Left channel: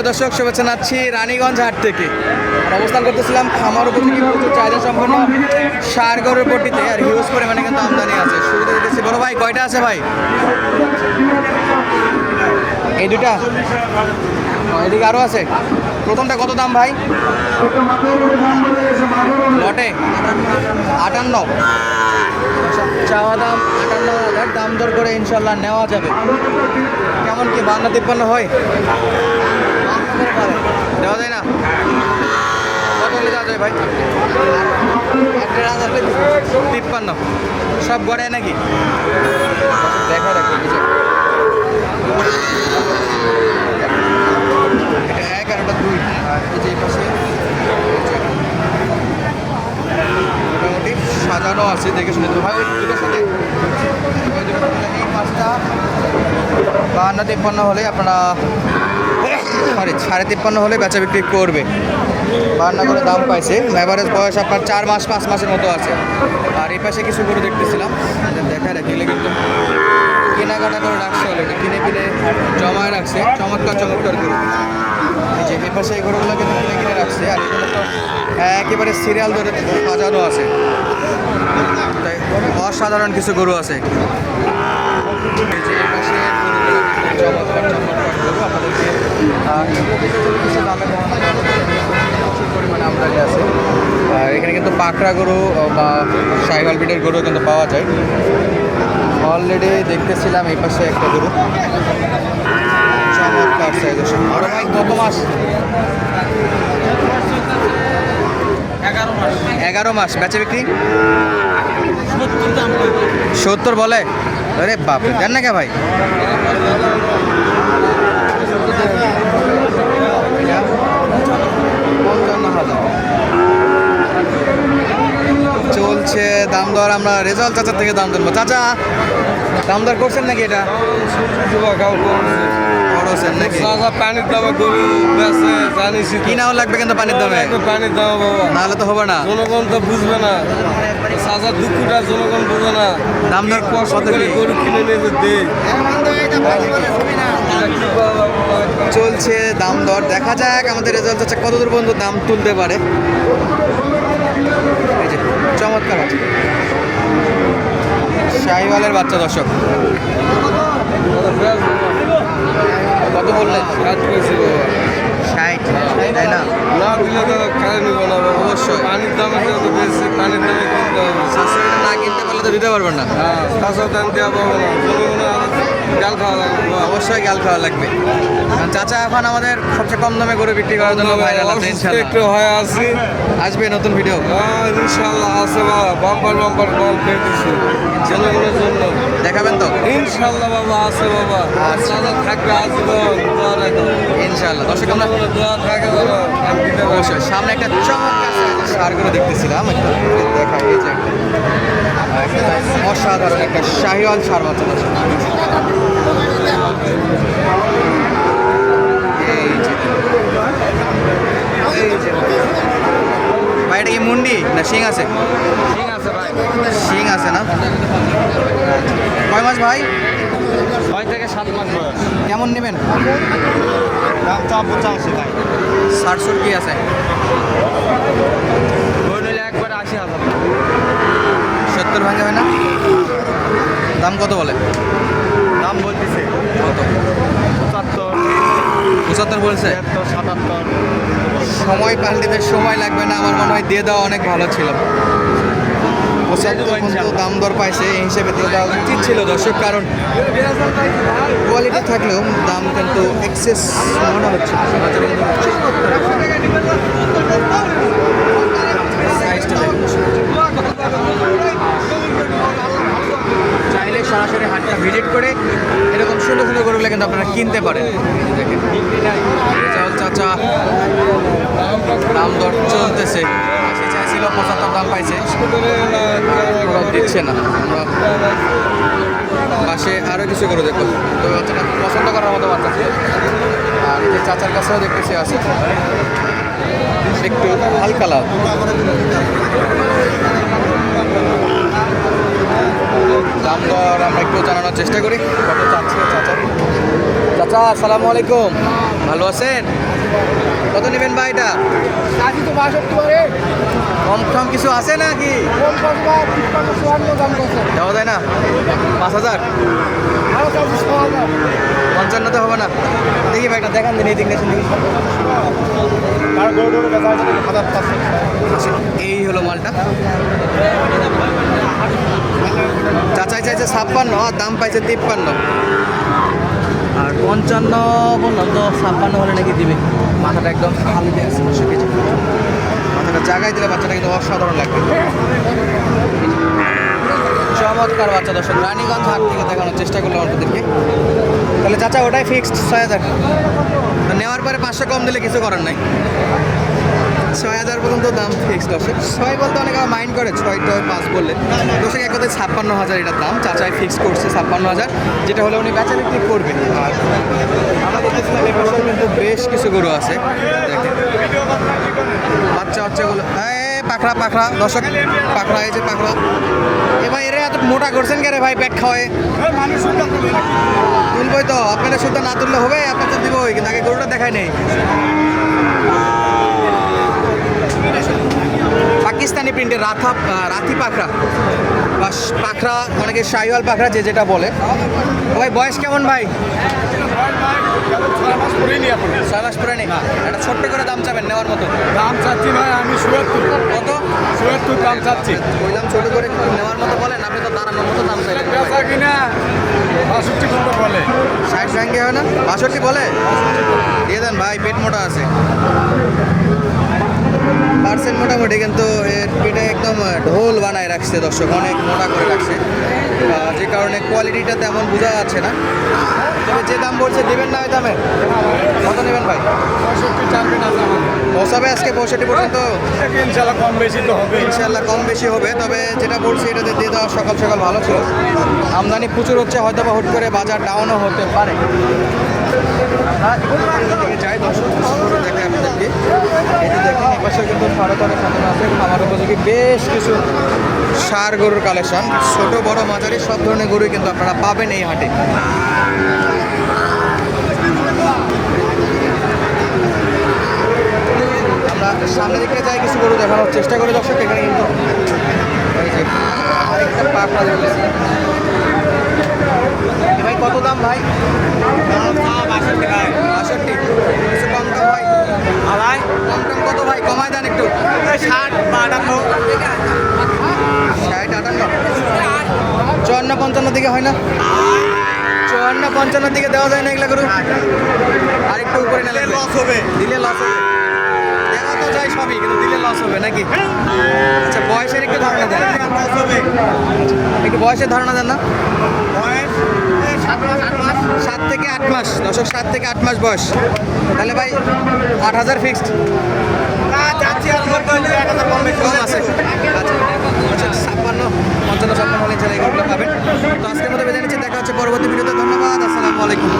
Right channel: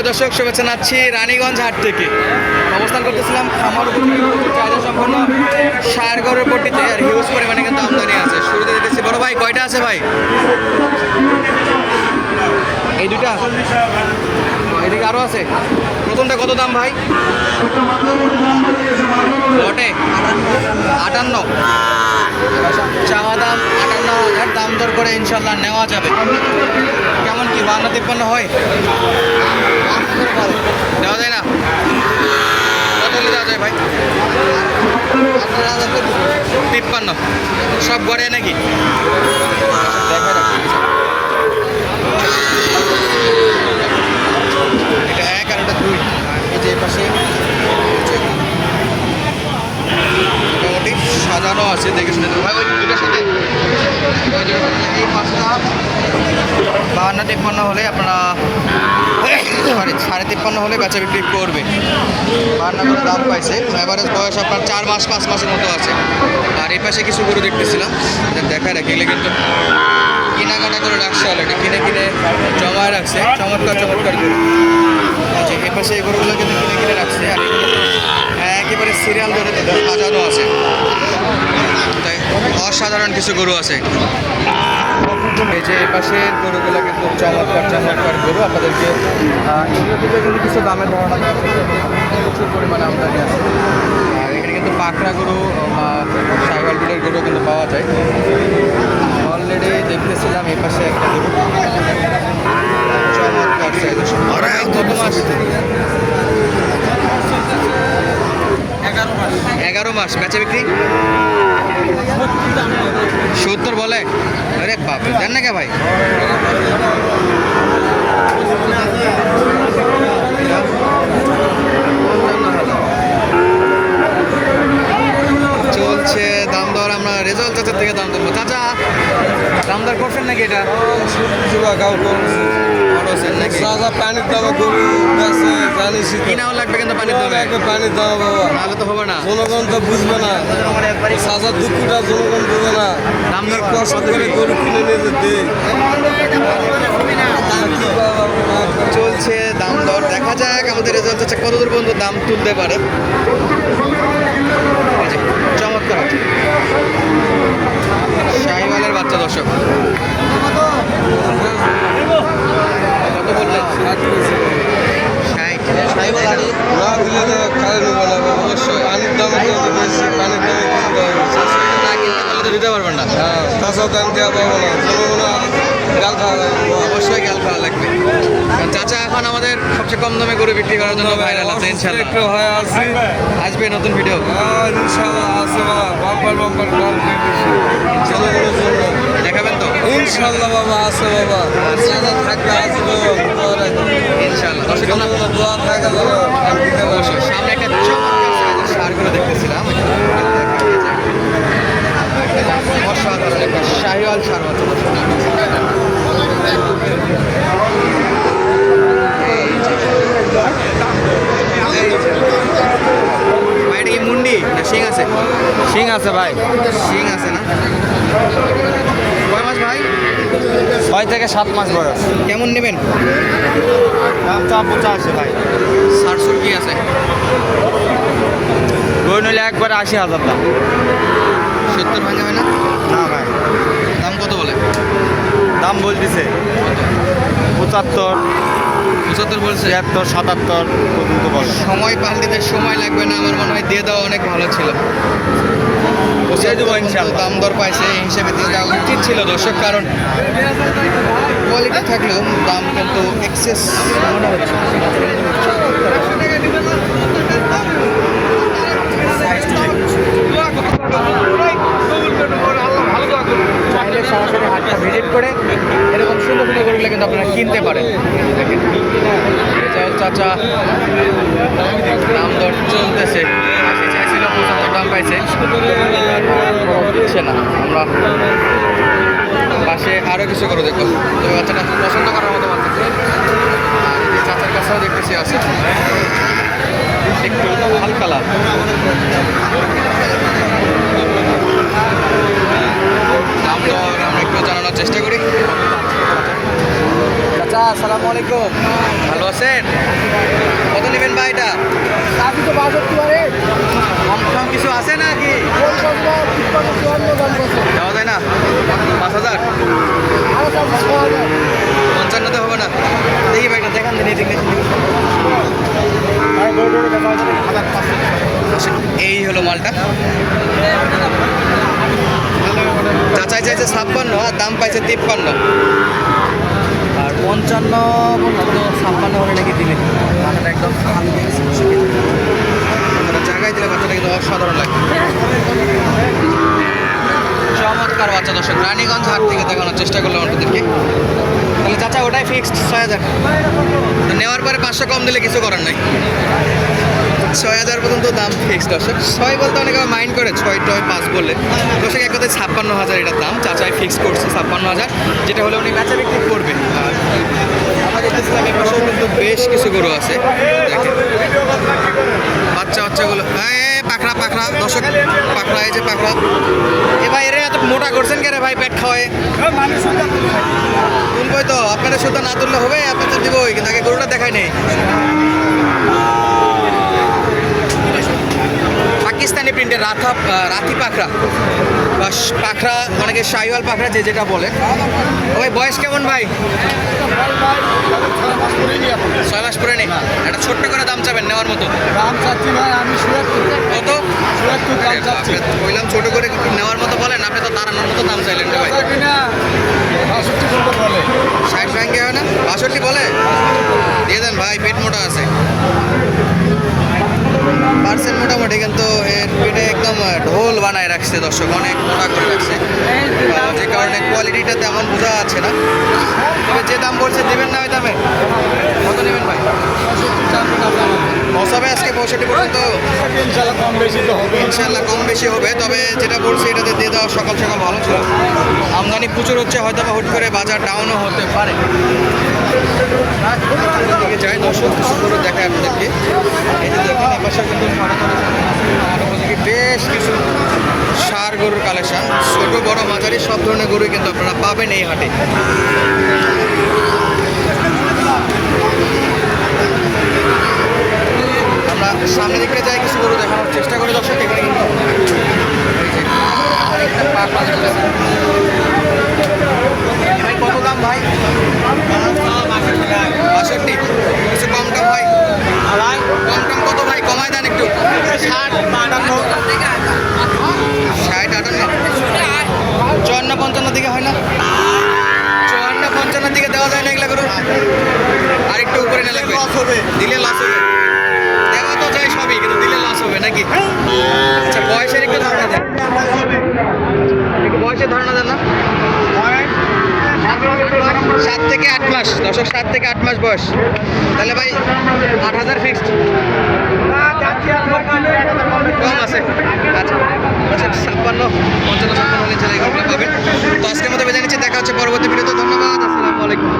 সুপ্রিয় দর্শক, শুভেচ্ছা জানাচ্ছি রানীগঞ্জ হাট থেকে। অবস্থান করতেছিলাম খামার চাহিদা সম্পন্ন সার গরুর পট্টিতে, আর হিউজ পরিমাণে কিন্তু আমদানি আছে। শুরুতে দেখতেছি, বড় ভাই, কয়টা আছে ভাই? এই দুটা এদিকে আরও আছে। প্রথমটা কত দাম ভাই? লটে আটান্ন। চাওয়া দাম আটান্ন হাজার, দাম দর করে ইনশাল্লাহ নেওয়া যাবে। কেমন কি বাংলা তিপ্পান্ন হয়? নেওয়া যায় না? কত ভাই? তিপ্পান্ন। সব গড়ে নাকি দেখা রাখি এটা এক আর এটা দুই এই যে এই পাশে মোটামুটি সাজানো আছে দেখে শুনে তো ভাই, ওই দুটোর সাথে এই পাঁচটা বাহান্ন তিপ্পান্ন হলে আপনারা সরি সাড়ে তিপ্পান্ন হলে বেচা বিক্রি করবে। বাহান্ন করে দাম পাইছে। অ্যাভারেজ বয়স আপনার চার মাস, পাঁচ মাসের মতো আছে। আর এই পাশে কিছু গরু দেখতেছিলাম। দেখা রাখি এগুলো কিন্তু কেনাকাটা করে রাখছে অলরেডি কিনে কিনে জমায় রাখছে। চমৎকার চমৎকার আচ্ছা এই পাশে এই গরুগুলো কিন্তু কিনে কিনে রাখছে। আর এগুলো একেবারে সিরিয়াল ধরে সাজানো আছে। অসাধারণ কিছু গরু আছে। এই যে পাশে গরুগুলো কিন্তু চমৎকার চমৎকার গরু। আপনাদেরকে কিছু দামে প্রচুর পরিমাণে আমদানি আছে। আর এখানে কিন্তু পাকড়া গরু বা সাইকেল বিটের গরু কিন্তু পাওয়া যায়। অলরেডি দেখতেছিলাম এই পাশে একটা গরু। চমৎকার কত মাস? এগারো মাস। এগারো মাস বেচে বিক্রি? সত্তর বলে? আরে বাপ জান না কে ভাই? চলছে দাম দর আমরা রেজাল্ট চাচার থেকে দাম দেবো চাচা দাম দর করছেন নাকি এটা? পানির দামে গরু বেছে জানিস কিনাও লাগবে কিন্তু পানির দামে। পানির দাম বাবা। নাহলে তো হবে না। জনগণ তো বুঝবে না। দুঃখটা জনগণ না। কষ্ট করে গরু কিনে নিয়ে যেতে। চলছে দাম দর। দেখা যাক আমাদের রেজাল্ট হচ্ছে কত দূর পর্যন্ত দাম তুলতে পারে। চমৎকার আছে। শাহিওয়ালের বাচ্চা দর্শক কত বললেন ষাট তাই না? দিলে তো খাই নেব না অবশ্যই পানির দামে বেশি পানির দামে কিনতে হবে দিতে পারবেন না হ্যাঁ তাছাড়া দাম দেওয়া পাবো না গাল খাওয়া লাগবে অবশ্যই গ্যাল খাওয়া লাগবে। চাচা এখন আমাদের সবচেয়ে কম দামে করে বিক্রি করার জন্য ভাইরাল আছে ইনশাল্লাহ। একটু হয়ে আসি। আসবে নতুন ভিডিও ইনশাল্লাহ আছে বাবা বাম্পার বাম্পার কল দিয়ে দিছি জনগণের জন্য দেখাবেন তো। ইনশাল্লাহ বাবা আছে বাবা। সাদা থাকবে আসব দোয়া রাখো। ইনশাল্লাহ দর্শক দোয়া থাকে বাবা আর দিতে পারবে। সামনে একটা চমৎকার সারগুলো দেখতেছিলাম একটু দেখা অসাধারণ একটা শাহিওয়াল সার মতো এই যে এই যে ভাই এটা কি মুন্ডি না শিং আছে ঠিক আছে ভাই শিং আছে না কয় মাস ভাই ছয় থেকে সাত মাস বয়স কেমন নেবেন? দাম চা পঁচাশি ভাই। সারসুর কি আছে। ওই নিলে একবারে আশি হাজার দাম। সত্তর ভাঙে না? দাম কত বলে? দাম বলতেছে। পঁচাত্তর। পঁচাত্তর বলছে? ছিয়াত্তর সাতাত্তর সময় পাল দিতে সময় লাগবে না। আমার মনে হয় দিয়ে দেওয়া অনেক ভালো ছিল। দাম দর পাইছে এই হিসেবে দিয়ে দেওয়া উচিত ছিল দর্শক কারণ কোয়ালিটি থাকলেও দাম কিন্তু এক্সেস মনে হচ্ছে। চাইলে সরাসরি হাটটা ভিজিট করে এরকম সুন্দর সুন্দর গরুগুলো কিন্তু আপনারা কিনতে পারেন। চাচা দাম দর চলতেছে সে চাইছিল পঁচাত্তর দাম পাইছে গরু দিচ্ছে না আমরা পাশে আরও কিছু করে দেখো তো বাচ্চাটা খুব পছন্দ করার মতো বাচ্চা ছিল। আর এই চাচার কাছেও দেখতেছি আছে। একটু লাল দাম দর আমরা একটু জানানোর চেষ্টা করি। চাচা আসসালামু আলাইকুম। ভালো আছেন? কত নেবেন ভাই এটা কাশি তো বাষট্টি পারে। কম কম কিছু আছে নাকি? কোন কসবা তিপ্পান্ন চুয়ান্ন দাম কত? দেওয়া যায় না। পাঁচ হাজার? পঞ্চান্ন তো হবে না। দেখি ভাই এটা দেখান দিন এই এই হলো মালটা। চাচাই চাইছে ছাপ্পান্ন, আর দাম পাইছে তিপ্পান্ন। আর পঞ্চান্ন ছাপ্পান্ন হলে নাকি দিলে মাথাটা একদম। কিন্তু জায়গায় দিলে বাচ্চাটা কিন্তু অসাধারণ লাগবে। বাচ্চা দর্শক, রানীগঞ্জ হাট থেকে দেখানোর চেষ্টা করলাম আপনাদেরকে। তাহলে চাচা, ওটাই ফিক্সড ছয় হাজার। নেওয়ার পরে পাঁচশো কম দিলে কিছু করার নাই। ছয় হাজার পর্যন্ত দাম ফিক্সড আছে ছয় বলতে অনেকে মাইন্ড করে, ছয় টয় পাঁচ বলে দর্শক, এক কথায় ছাপ্পান্ন হাজার এটার দাম। চাচায় ফিক্স করছে ছাপ্পান্ন হাজার, যেটা হলে উনি কাঁচা বিক্রি করবেন। আর কিন্তু বেশ কিছু গরু আছে। বাচ্চা বাচ্চাগুলো এই পাখরা পাখরা দর্শক পাখরা এই যে পাখরা এ ভাই, এরা এত মোটা করছেন কেন ভাই, পেট খাওয়ায়? তুলবই তো আপনারা শুদ্ধ না তুললে হবে, আপনাদের দিবই, কিন্তু আগে গরুটা দেখাই নেই। পাকিস্তানি প্রিন্টের রাথা রাথি শ- পাখরা অনেকে শাহিওয়াল পাখরা যে যেটা বলে। ওই বয়স কেমন ভাই? ছয় মাস পরে নেই একটা ছোট্ট করে দাম চাবেন নেওয়ার মতো? দাম চাচ্ছি ভাই আমি সুয়াত্তর কত? সুয়াত্তর দাম চাচ্ছি। বললাম ছোট করে নেওয়ার মতো বলেন আপনি তো দাঁড়ানোর মতো দাম চাইলেন রে ভাই। বাষট্টি পর্যন্ত বলে। ষাট ব্যাংকে হয় না? বাষট্টি বলে। দিয়ে দেন ভাই পেট মোটা আছে। পার্সেন্ট মোটামুটি কিন্তু এর পেটে একদম ঢোল বানায় রাখছে দর্শক অনেক মোটা করে রাখছে। যে কারণে কোয়ালিটিটা তেমন বোঝা যাচ্ছে না। তবে যে দাম বলছে দেবেন না ওই দামের কত নেবেন ভাই? পৌঁছাবে আজকে পঁয়ষট্টি পর্যন্ত। ইনশাল্লাহ কম বেশি তো হবে। ইনশাল্লাহ কম বেশি হবে তবে যেটা বলছি এটাতে দিয়ে দেওয়া সকাল সকাল ভালো ছিল। আমদানি প্রচুর হচ্ছে হয়তো বা হুট করে বাজার ডাউনও হতে পারে। যাই এপাশে কিন্তু বেশ কিছু সার গরুর কালেকশন ছোট, বড়, মাঝারি, সব ধরনের গরু কিন্তু আপনারা পাবেন এই হাটে। দিকে যাই, কিছু গরু দেখানোর চেষ্টা করি দর্শক, এখানে কিন্তু ভাই, কত দাম ভাই? বাষট্টি কিছু কম টম হয় কম টম কত ভাই কমায় দেন একটু ষাট বাটান্ন ষাট আটান্ন চুয়ান্ন পঞ্চান্ন দিকে হয় না চুয়ান্ন পঞ্চান্ন দিকে দেওয়া যায় না এগুলো গরু আর একটু উপরে নিলে লস হবে দিলে লস হবে। সবই কিন্তু দিলে লস হবে নাকি? আচ্ছা বয়সের একটু ধারণা দেন। একটু বয়সের ধারণা দেন না? সাত থেকে আট মাস দশক সাত থেকে আট মাস বয়স। তাহলে ভাই, আট হাজার ফিক্সড কম আছে। আচ্ছা দশক ছাপ্পান্ন, পঞ্চান্ন, ছাপ্পান্ন ছেলে এগুলো পাবেন। তো আজকের মতো বেজে নিচ্ছে, দেখা হচ্ছে পরবর্তী ভিডিওতে। ধন্যবাদ, আসসালামু আলাইকুম।